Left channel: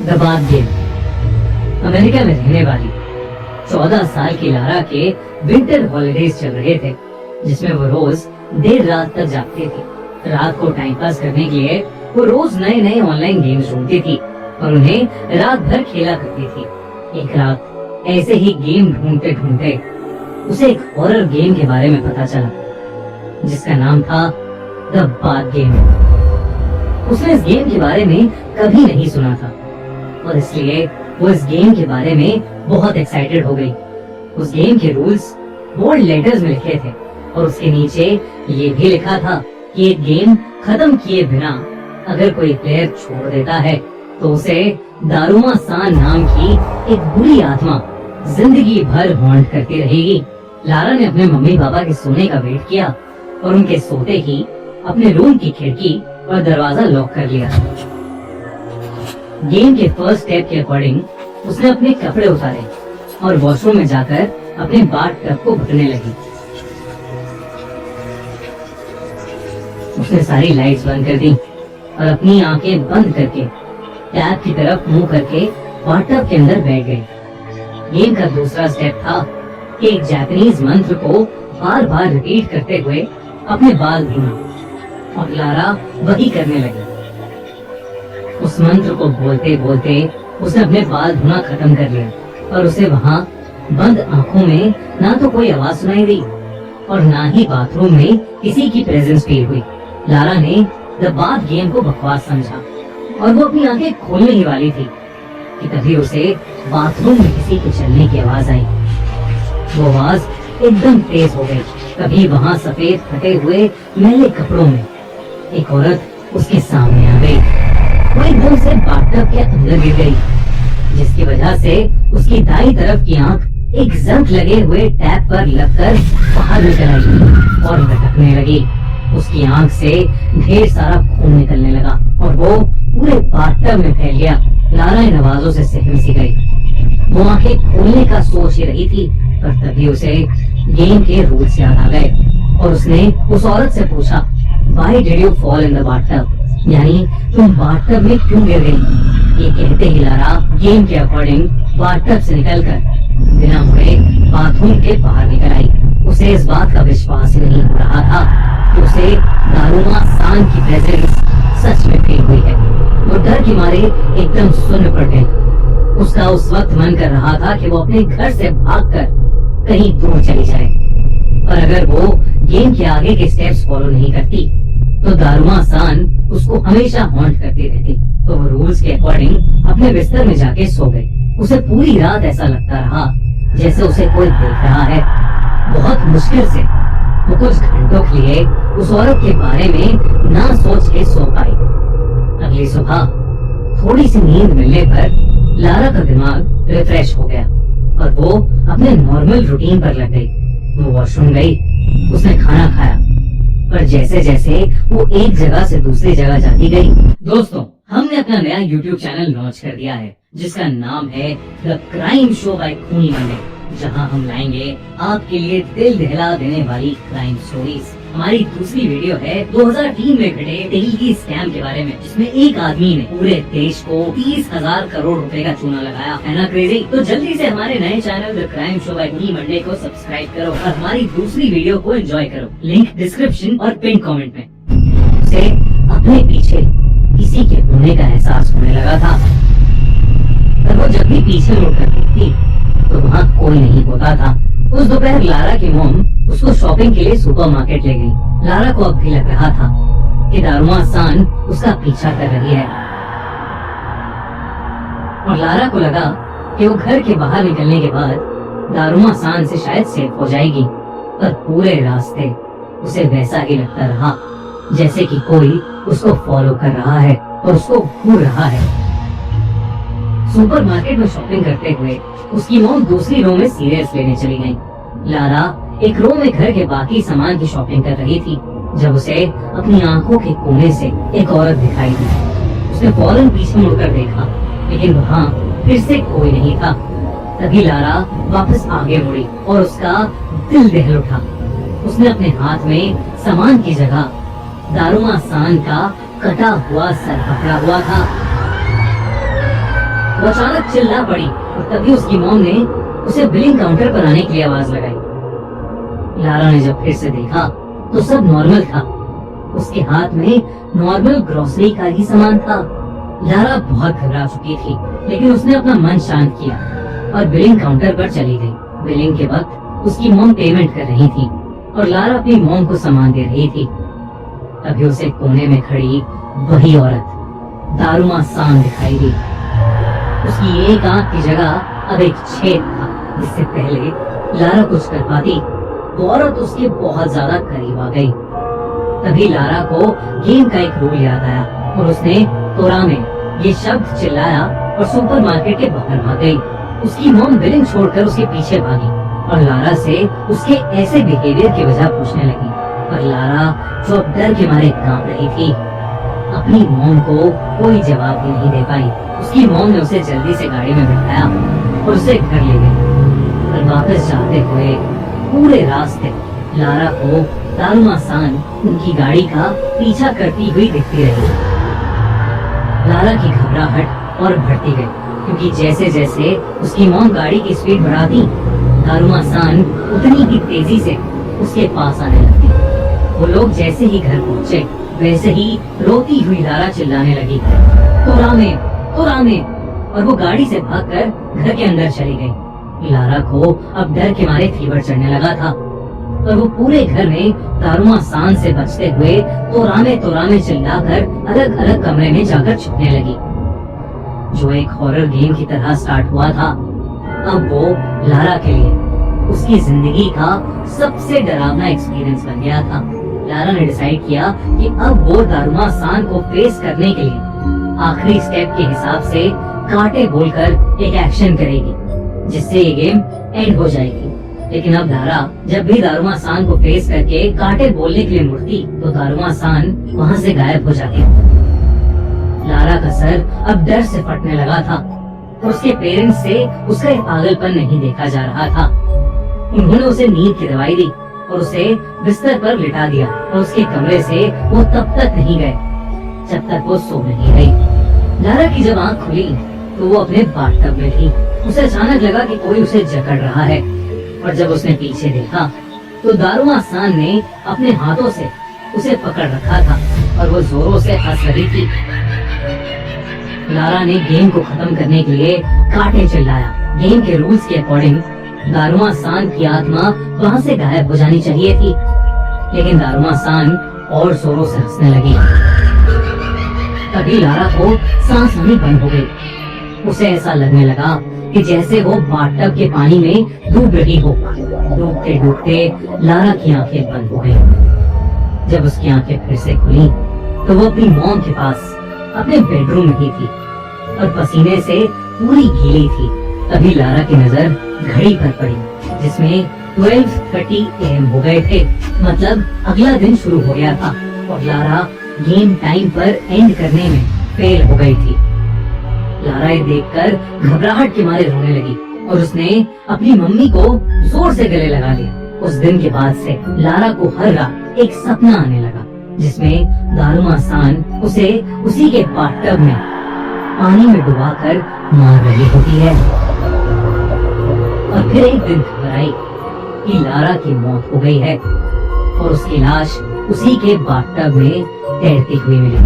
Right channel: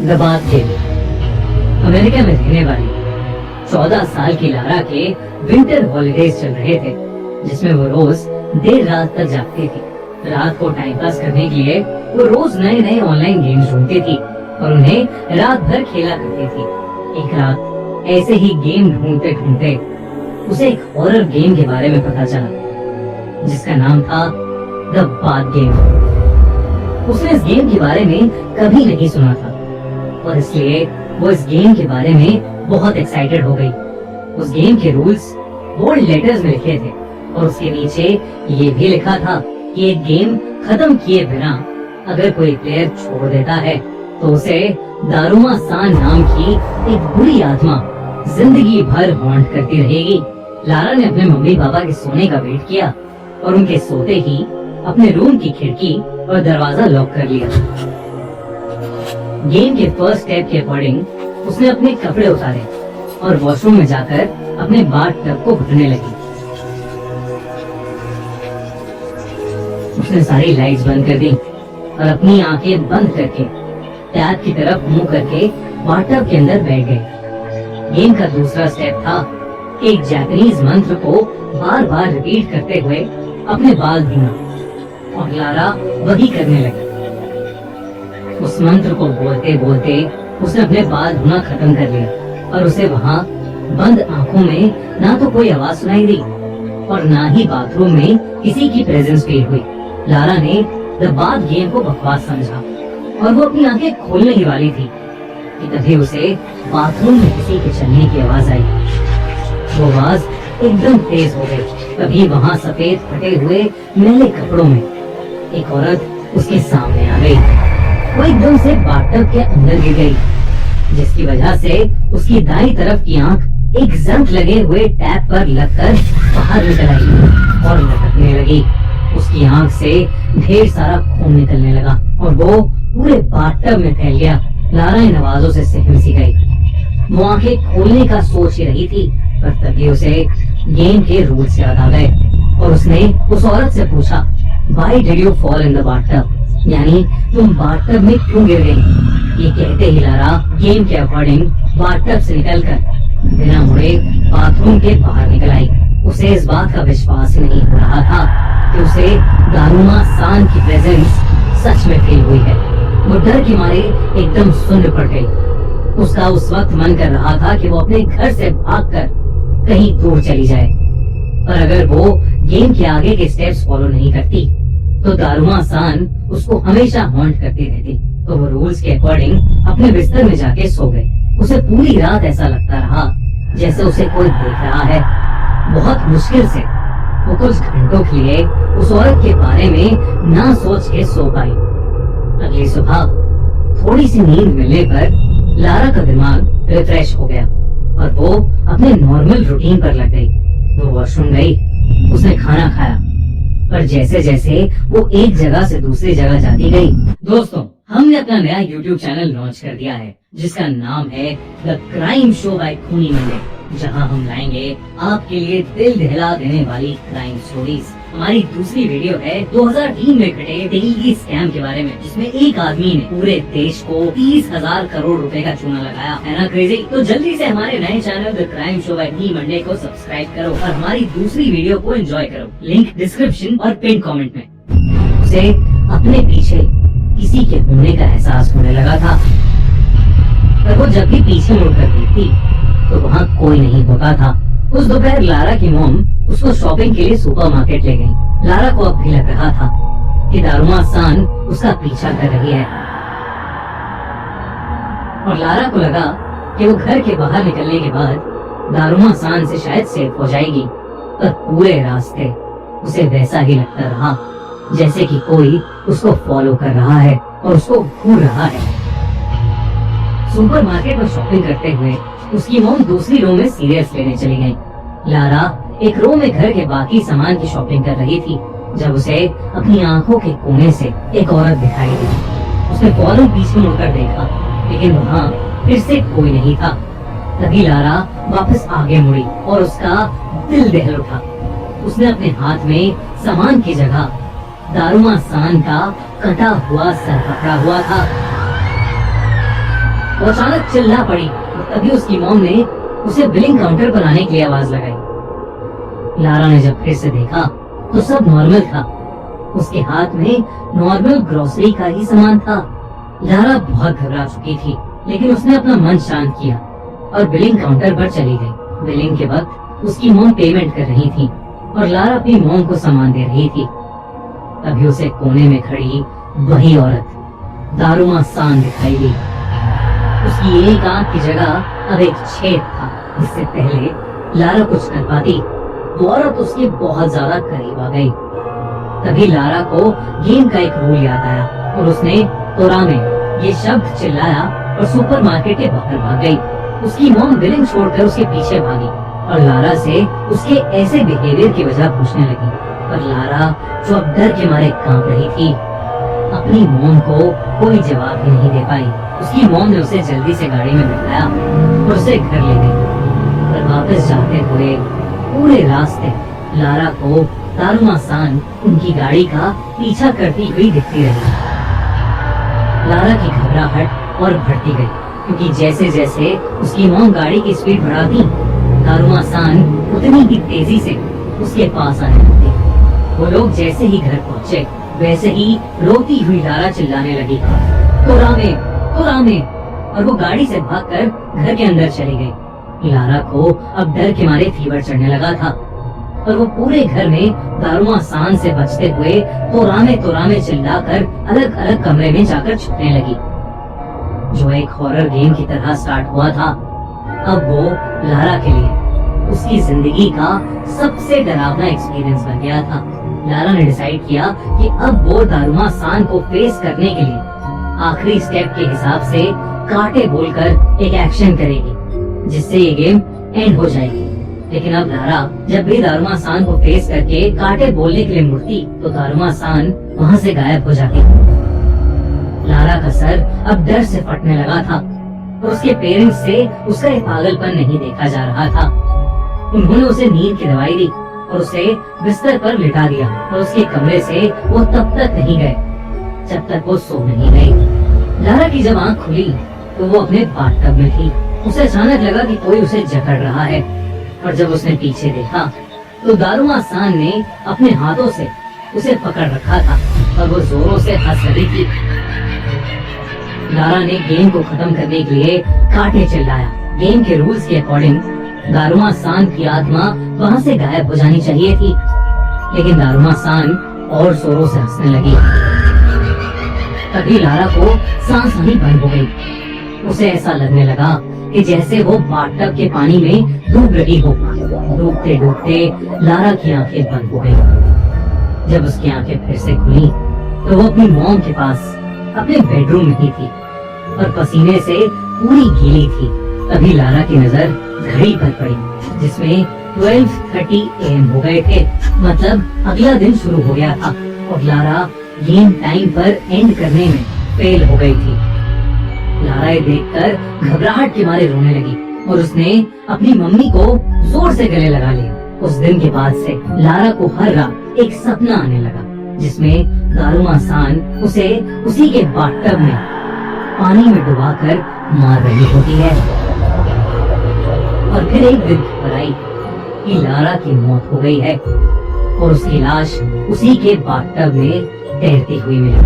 दबाद game. America में रहने वाली 14 साल की लारा के विंटर हॉलिडेज चल रहे थे, जिसमें वो रोज देर रात तक जागती थी। रात को टाइम पास करने के लिए वो रोज नए नए ऑनलाइन गेम्स ढूंढती थी और उन्हें रात भर खेला करती थी। एक रात ऐसे ही गेम ढूंढते ढूंढते उसे एक हॉरर गेम के बारे में पता चला, जिसका नाम था द बाथ गेम। उसने इस गेम के बारे में कभी नहीं सुना था और इसलिए वो इस गेम के बारे में बहुत एक्साइटेड हो गई। उस गेम के रूल्स बोल्ड लेटर्स में लिखे थे और उसके नीचे ये भी लिखा था कि ये गेम खत्म किए बिना अगर कोई प्लेयर छोड़ देता है तो उसे दारुमा सान नाम की एक बुरी आत्मा जिंदगी भर हॉन्ट करती रहेगी। लारा ने अपने मम्मी पापा के सोने का वेट किया और उनके सोते ही अपने रूम की खिड़की और दरवाजा लॉक कर लिया। गेम के फर्स्ट स्टेप के अकॉर्डिंग उसने अपने कपड़े उतारे और वॉशरूम में जाकर अपने बाथ टब को भरने लगी। उसने सारी लाइट्स बंद कर दी और अपनी आंखें बंद करके टैप की तरफ मुंह करके बाथ टब के अंदर बैठ गई। गेम का दूसरा स्टेप था कि एक जापानीज मंत्र को बार बार रिपीट करते हुए अपने बाल धोना और लारा वही करने लगी। उस मंत्र को बोलते बोलते उसने अपने बाल धोना खत्म कर लिया और उसे वहाँ बंद आंखों में ना तो कोई आवाज सुनाई दी और ना ही बाथरूम में किसी की प्रेजेंस फील हुई। लारा ने द बाथ गेम को बकवास समझा और वो अपनी आंखें खोलने ही वाली थी कि तभी उसे बाथरूम में किसी के चलने की आवाज आई। वो आवाज एकदम तेज हो गई। तभी वहाँ सफेद फटे हुए मैले कपड़ों में एक औरत उसके सामने आ गई। वो एकदम से बाथटब के अंदर गिर गई, जिसकी वजह से उसकी दाईं तरफ की आंख एक जंग लगे हुए टैप पर लगकर बाहर निकल आई और लटकने लगी। उसकी आंख से ढेर सारा खून निकलने लगा और वो पूरे बाथटब में फैल गया। लारा इन आवाजों से सहम सी गई। वो आंखें खोलने का सोच ही रही थी पर तभी उसे गेम के रूल्स याद आ गए और उसने उस औरत से पूछा, Why did you fall in the bathtub? यानी तुम बाथटब में क्यों गिर गई? ये कहते ही लारा गेम के अकॉर्डिंग बाथटब से निकलकर बिना मुड़े बाथरूम के बाहर निकल आई। उसे इस बात का विश्वास ही नहीं हो रहा था कि उसे दारुमा सान की प्रेजेंस सच में फील हुई है। वो डर के मारे एकदम सुन्न पड़ गई। उसका उस वक्त मन कर रहा था कि वो अपने घर से भागकर कहीं दूर चली जाए, पर अगर वो गेम के आगे के स्टेप्स फॉलो नहीं करती तो दारुमा सान उसको हमेशा हॉन्ट करती रहती। तो वो रूल्स के अकॉर्डिंग अपने बिस्तर में जाके सो गई। उसे पूरी रात ऐसा लगता रहा जैसे उसे कोई देख रहा है। बहुत मुश्किल से वो कुछ घंटों के लिए उस औरत के बारे में ना सोच के सो पाई। अगली सुबह थोड़ी सी नींद मिलने पर लारा का दिमाग रिफ्रेश हो गया और वो अपने नॉर्मल रूटीन पर लग गई। वो वॉशरूम गई, उसने खाना खाया, पर जैसे जैसे वो एक जगह से दूसरी जगह जाती गई। दोस्तों, हमने अपना नया YouTube चैनल लॉन्च कर दिया है जिसका नाम है द क्राइम शो बाय खूनी मंडे, जहां हम लाएंगे आपके लिए दिल दहला देने वाली क्राइम स्टोरीज। हमारी दूसरी वीडियो है 2003 में घटे दिल्ली स्कैम के बारे में, जिसमें एक आदमी ने पूरे देश को 30,000 करोड़ रुपए का चूना लगाया। है ना क्रेजी? तो जल्दी से हमारे नए channel the crime show by खूनी मंडे को सब्सक्राइब करो और हमारी दूसरी वीडियो को एंजॉय करो। लिंक डिस्क्रिप्शन और पिन कमेंट में। उसे अपने पीछे किसी के होने का एहसास होने लगा था, पर वो जब भी पीछे मुड़कर देखती तो वहाँ कोई नहीं होता था। उस दोपहर लारा की मॉम उसको शॉपिंग के लिए सुपरमार्केट ले गई। लारा को अब भी लग रहा था कि दारुमा सान उसका पीछा कर रही है और लारा को लगा कि वो घर के बाहर निकलने के बाद दारुमा सान से शायद सेफ हो जाएगी, पर पूरे रास्ते उसे वैसा ही लगता रहा जैसे कि कोई उसको फॉलो कर रहा है और उसको घूर रहा है। सुपरमार्केट में शॉपिंग करते हुए उसकी मॉम दूसरी रो में सीरियस लेने चली गई। लारा एक रो में घर के बाकी सामान की शॉपिंग कर रही थी जब उसे अपनी आंखों के कोने से एक औरत दिखाई दी। उसने फौरन पीछे मुड़कर देखा, लेकिन वहाँ फिर से कोई नहीं था। तभी लारा वापस आगे मुड़ी और उसका दिल दहल उठा। उसने अपने हाथ में सामान की जगह दारुमा सान का कटा हुआ सर पकड़ा हुआ था। वो अचानक चिल्ला पड़ी और तभी उसकी मॉम ने उसे बिलिंग काउंटर पर आने की आवाज लगाई। लारा ने जब फिर से देखा तो सब नॉर्मल था। उसके हाथ में नॉर्मल ग्रोसरी का ही सामान था। लारा बहुत घबरा चुकी थी, लेकिन उसने अपना मन शांत किया और बिलिंग काउंटर पर चली गई। बिलिंग के वक्त उसकी मॉम पेमेंट कर रही थी और लारा अपनी मॉम को सामान दे रही थी। तभी उसे कोने में खड़ी वही औरत दारुमा सान दिखाई दी। उसकी एक आंख की जगह अब एक छेद था। इससे पहले लारा कुछ कर पाती, वो औरत उसके बहुत ज्यादा करीब आ गई। तभी लारा को गेम का एक रूल याद आया और उसने तोरामे ये शब्द चिल्लाया और सुपरमार्केट के बाहर भाग गई। उसकी मॉम बिलिंग छोड़कर उसके पीछे भागी और लारा से उसके ऐसे बिहेवियर की वजह पूछने लगी। पर लारा, जो अब डर के मारे कांप रही थी, अपनी मॉम को कोई जवाब भी नहीं दे पाई। उसकी मॉम ने उसे जल्दी से गाड़ी में बिठाया और उसे घर ले गई। पर वापस जाते हुए पूरे रास्ते लारा को दारुमा सान उनकी गाड़ी का पीछा करती हुई दिखती रही। लारा की घबराहट और बढ़ती गई, क्योंकि जैसे जैसे उसकी मॉम गाड़ी की स्पीड बढ़ाती, दारुमा सान उतनी ही तेजी से उसके पास आने लगती। वो लोग जैसे ही घर पहुंचे, वैसे ही रोती हुई लारा चिल्लाने लगी, तोरामे, तोरामे, और वो गाड़ी से भागकर घर के अंदर चली गई। लारा को अब डर के मारे फीवर चढ़ने लगा था और वो पूरे घर में दारुमा सान से बचते हुए तोरामे तोरामे चिल्लाकर अलग अलग कमरे में जाकर छिपने लगी। जो एक हॉरर गेम की तरह स्टार्ट हुआ था, अब वो लारा के लिए उसकी जिंदगी का सबसे डरावना एक्सपीरियंस बन गया था। लारा ने डिसाइड किया कि अब वो दारुमा सान को फेस करने के लिए आखिरी स्टेप के हिसाब से कांटे बोलकर एक एक्शन करेगी, जिससे ये गेम एंड हो जाएगी। लेकिन अब लारा जब भी दारुमा सान को फेस करके कांटे बोलने के लिए मुड़ती, तो दारुमा सान वहाँ से गायब हो जाती। लारा का सर अब डर से फटने लगा था और उसके पेरेंट्स से उसका ये पागलपन नहीं देखा जा रहा था। उन्होंने उसे नींद की दवाई दी और उसे बिस्तर पर लिटा दिया और उसके कमरे से वो तब तक नहीं गए जब तक वो सो नहीं गई। लारा की जब आंख खुली तो वो अपने बाथटब में थी। उसे अचानक लगा कि कोई उसे जकड़ रहा है और जब उसने पीछे देखा तो दारुमा सान ने अपने हाथों से उसे पकड़ रखा था और वो जोरों से हंस रही थी। लारा ने गेम को खत्म करने के लिए कांटे चिल्लाया। गेम के रूल्स के अकॉर्डिंग दारुमा सान की आत्मा वहाँ से गायब हो जानी चाहिए थी, लेकिन दारुमा सान और जोरों से हंसने लगी। तभी लारा को सांस आनी बंद हो गई। उसे ऐसा लगने लगा कि जैसे वो बाथटब के पानी में डूब रही हो। डूबते डूबते लारा की आंखें बंद हो गई। जब उसकी आंखें फिर से खुली तो वो अपनी मॉम के पास अपने बेडरूम में ही थी और पसीने से पूरी गीली थी। तभी लारा की नजर घड़ी पर पड़ी, जिसमें 12:30 AM हो गए थे। मतलब अगला दिन शुरू हो गया था और लारा गेम टाइम पर एंड करने में फेल हो गई थी। लारा ये देखकर घबराहट के मारे रोने लगी और उसने अपनी मम्मी को जोर से गले लगा लिया। उस दिन के बाद से लारा को हर रात एक सपना आने लगा, जिसमें दारुमा सान उसे उसी के बाथटब में पानी में डुबाकर मार रही होती है। और फिर एक दिन खबर आई कि लारा की मौत हो गई है और उसकी लाश उसी के बाथटब में तैरती हुई मिली।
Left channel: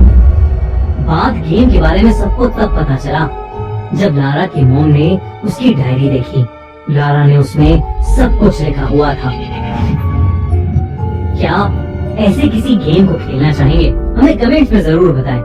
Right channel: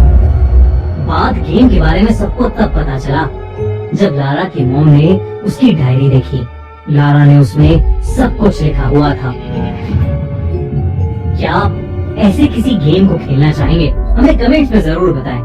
बात गेम के बारे में सबको तब पता चला जब लारा की मॉम ने उसकी डायरी देखी। लारा ने उसमें सब कुछ लिखा हुआ था। क्या आप ऐसे किसी गेम को खेलना चाहेंगे? हमें कमेंट्स में जरूर बताएं।